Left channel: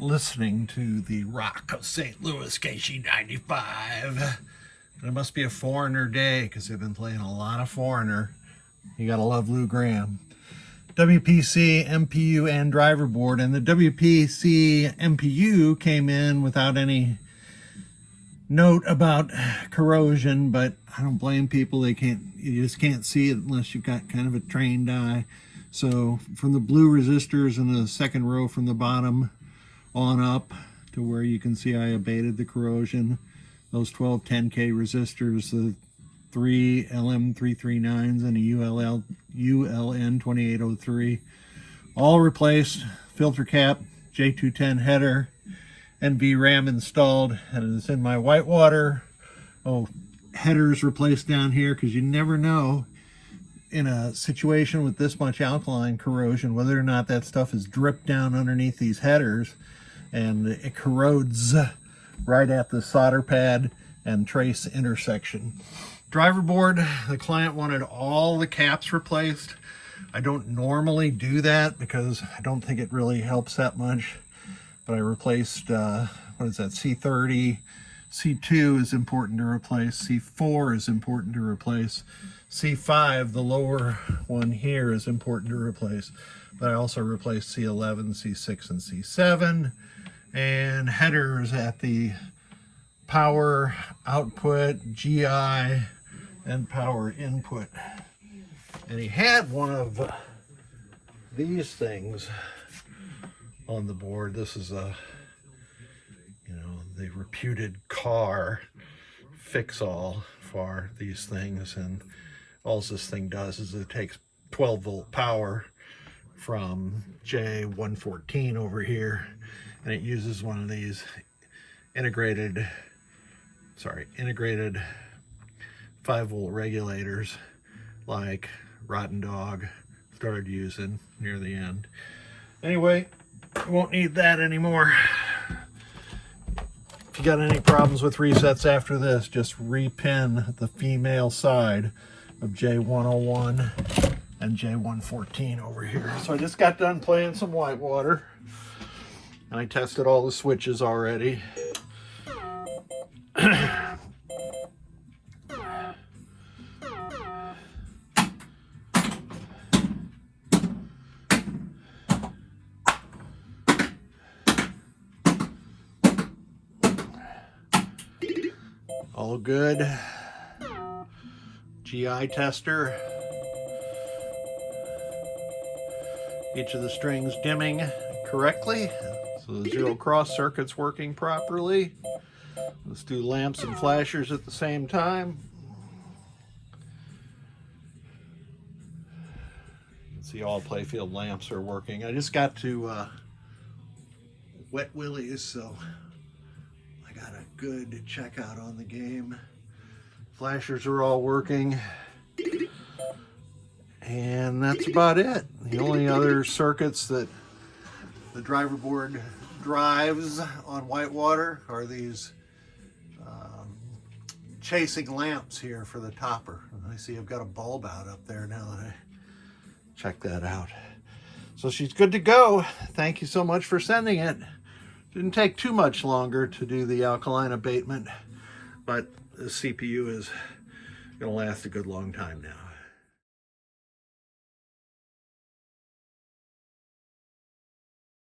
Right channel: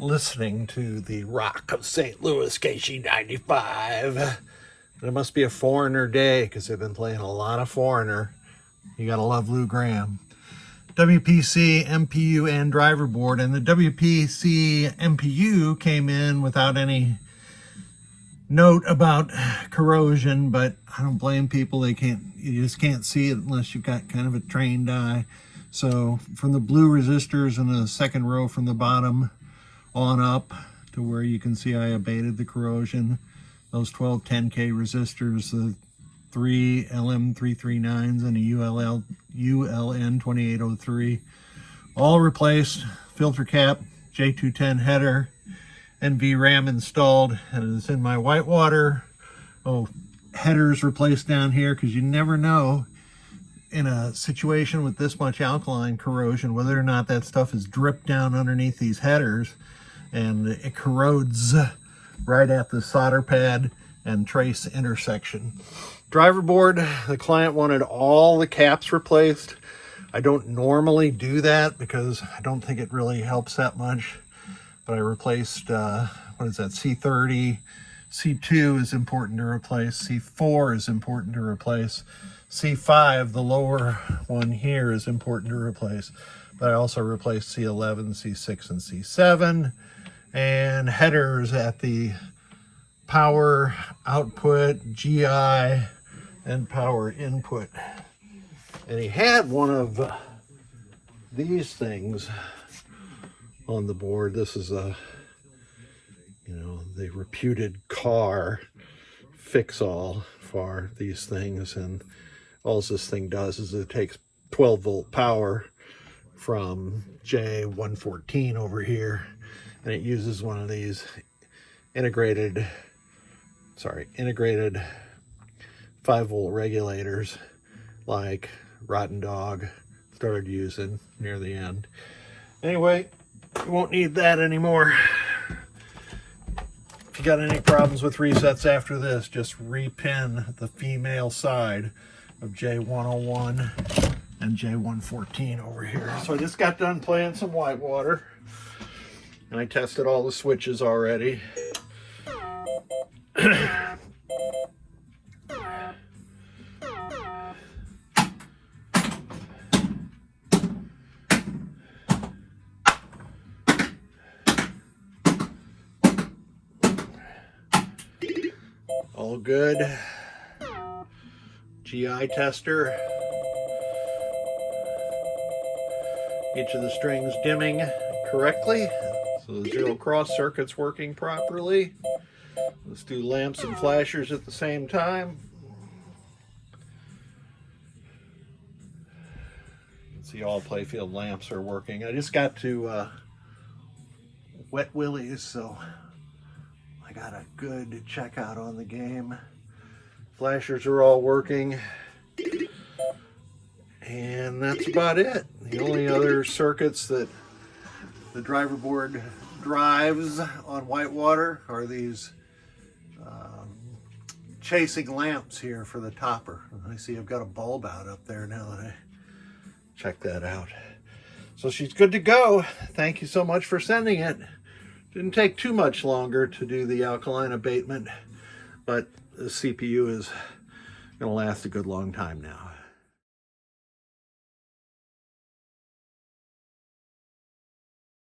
listening to the Rock of St. Louis KC95. It must be a Foreigner day because they've been playing a lot of Foreigner. You gotta love Lou Gramm. WPC MPU and driver board, and the WPC MPU came in without any note about corrosion, but I don't blame people. You just can't see it unless you've got kind of a trained eye. So from the blue resistors in the second row from the bottom on up to where you can see I abated the corrosion, those 12 10K resistors, the 3 LM339s and a ULN 2803, all replaced. Filter cap, J210 header, and VRAM installed, and it's in my whitewater. Headers replaced down here, because you never know in a situation with this much alkaline corrosion whether or not that stuff is dripped down underneath these headers, and it corrodes right at the solder pad and trace intersection. Driver board, the client wanted all the caps replaced. I don't normally do that because I don't think it really helps that much, but I replaced what is that, C30. C2 is important to replace. C4 is important to replace. C5, the lower one here, is important to replace. But I also replaced C11, C6, and C7. And headers at the power output, GI, and power input. And he had one of these things on the board. This is the reputed car fix-all for these things, and all this thing does is it takes 12 volt power from J114 over here, and it uses one of these integrated 5 volt regulators like Rotten Dog started using near the end. Anyway, won't need that anymore. If you got any problems with resets after this, just repin the female side of J101 and J114 over here. So I just got done playing some whitewater, and I tested all the switches already. All good. GI tester. Each of the strings dimming correctly, so the 0 cross circuit's working properly. Let's do lamps and flashers at the same time. You can see all playfield lamps are working. I just got to Wet Willie's, so I got a good checkout on the game. Flashers are all working. And that's about it. The only other circuits that the driver board drives on whitewater are these chasing lamps here for the topper. I see I've got a bulb out up there now that I check that out. So she's good to go. Thank you so much for sending it. Didn't take too much longer to do the alkaline abatement, but the CPU is going to last a good long time now.